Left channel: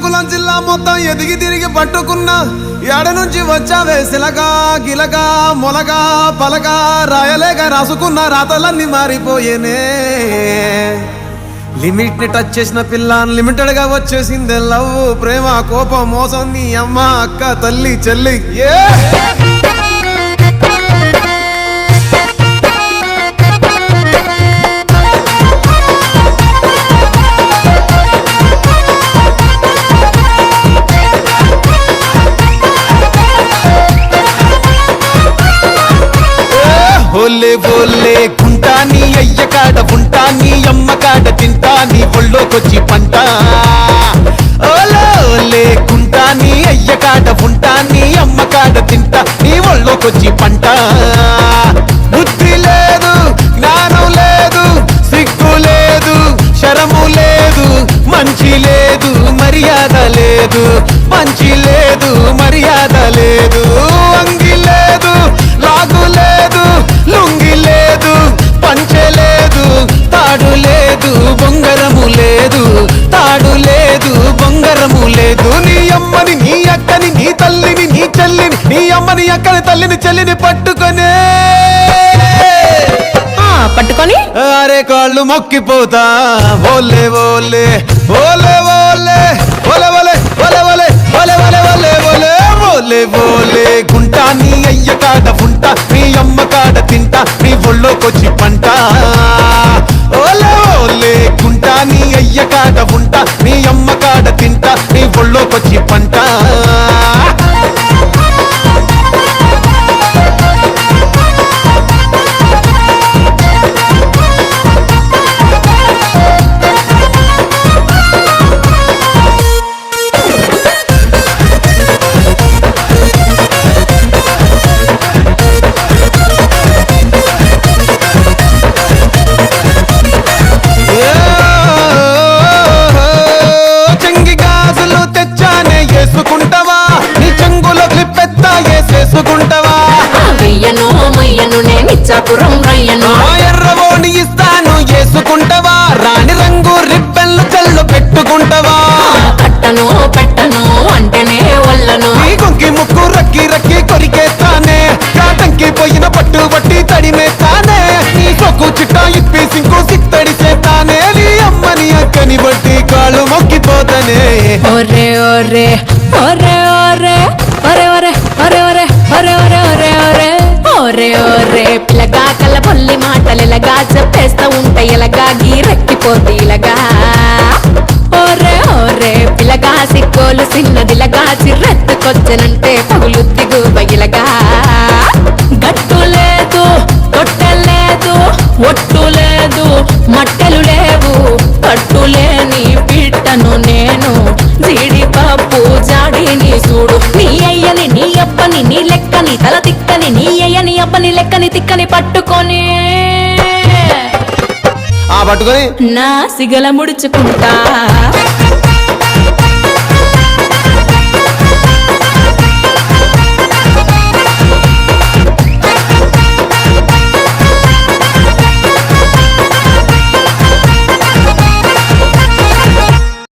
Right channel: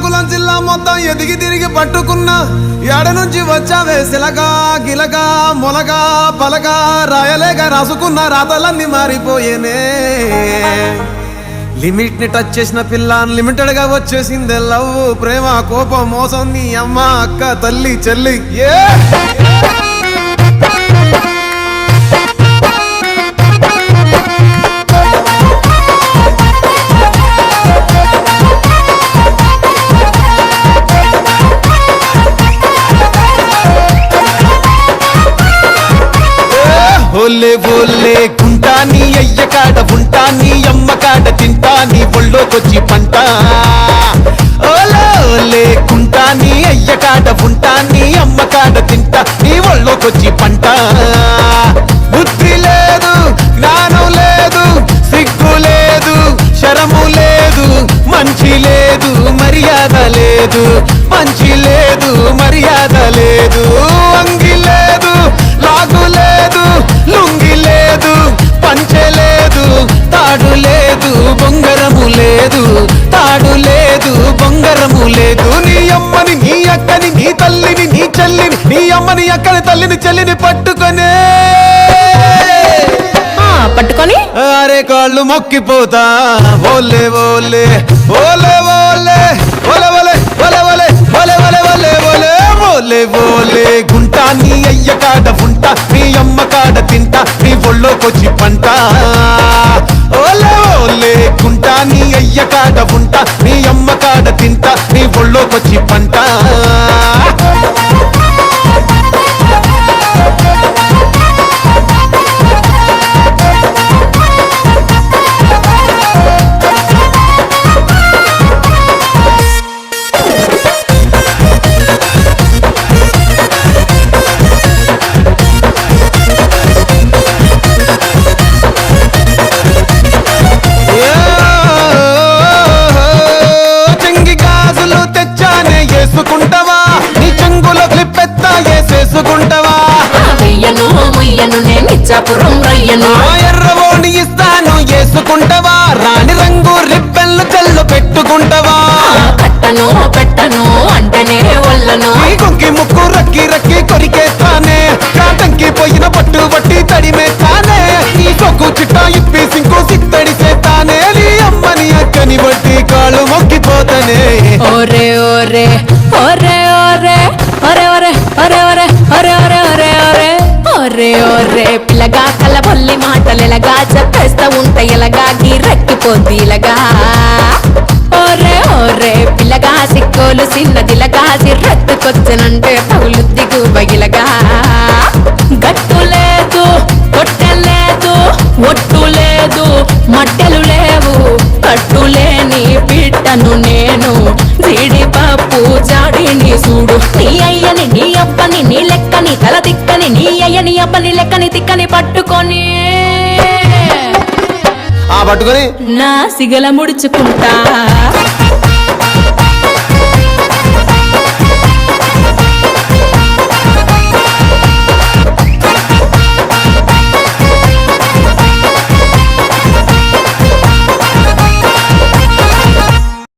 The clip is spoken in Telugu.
శ్రీకాకుళం జిల్లా మొత్తం ఎదిగి తిరిగి పట్టుకున్నా ఏడ నుంచి వచ్చావే సిలగా గిలగా మొలగా పలగా రాయలేక రాసుకున్న రాతలన్నీ మారిపోయేనే లిమిట్ ని టచ్ చేసిన పిల్ల అన్లిమిటెడ్ గా వచ్చేసిందే లవ్ ప్రేమ కోపం మోసం నీ అమ్మ అక్క తల్లి చెల్లి ఓలే ఓలే గుంటా నీ అయ్య కాడ ఉంటా నీ అమ్మ కాడ తింటా నీ ఒళ్ళోకొచ్చి పంట ఓలే ఓలే గుంటా నీ అయ్య కాడ ఉంటా నీ అమ్మ కాడ తింటా నీ ఒళ్ళోకొచ్చి పంట బుద్ధి లేదు జ్ఞానం లేదు సిగ్గు లేదు శరము లేదు మంచి లేదు మర్యాద లేదు మంచి లేదు మర్యాద లేదు అంగి లేదు లాగు లేదు లుంగి లేదు పంచె లేదు తాడు లేదు బొంగరము లేదు తాడు లేదు బొంగరము లేదు నీ అమ్మని నీ అక్కని నీ తల్లిని నీ చెల్లిని నీ అమ్మని అక్కని తల్లిని చెల్లిని పట్టుకొనే అరే కాళ్ళు మొక్కిపోతా ఓలే ఓలే ఓలే ఓలే ఓలే ఓలే ఓలే ఓలే ఓలే ఓలే ఓలే ఓలే ఓలే ఓలే గుంటా నీ అయ్య కాడ ఉంటా నీ అమ్మ కాడ తింటా నీ ఒళ్ళోకొచ్చి పంట ఓలే ఓలే గుంటా నీ అయ్య కాడ ఉంటా నీ అమ్మ కాడ తింటా నీ ఒళ్ళోకొచ్చి పంట చేసుకుంటావా నీ చెంగులో క్లిప్పెత్తా వేసేసుకుంటావా ఎర్రవోని ఇస్తాను వేసుకుంటావా రాణి రంగు రిబ్బన్లు జల్లు పెట్టుకుంటావా కట్టను పెట్టను అంటేనే వల్లను నీ కొంకి ముక్కు రక్కి రక్కి కొరికేస్తానే కాటంకి పోయిన పట్టు బట్టి తడిమేస్తానే నీ సొక్కు చిట్టా ఇప్పి సింకు సిత్తడి చేస్తానే నీ అమ్మని అక్కని బట్టి కాళ్ళు మొక్కిపోతానే ఒరే ఒరే ఒరే ఒరే ఒరే ఒరే ఒరే ఒరే ఒరే ఒరే ఒరే ఒరే ఒరే పిల్లగా కలపల్లి మాటలు ఎలాగా చెప్పేస్తా ఉంటే ఎలాగా గీరెక్కిపోతే ఇలాగా ఒరే ఒరే పిల్లగా సిగ్గోలు సిన్నదిలగా సిర్రెత్తుకొచ్చనంటే పగులుద్ది దుర్బగిలగా గట్టు లేదు కొట్టెలేదు ఒట్టు లేదు మట్టెలు లేవు కట్టులేని బిడ్డను నేను జీడిపప్పు జాడిని చూడు నీ అయ్యని నీ అబ్బని నీ లెక్కని తల తిక్కని నీ అయ్యని అబ్బని లెక్కని తిక్కని పట్టుకొని పట్టుకొని నా సిగల ముడుచుకుంటా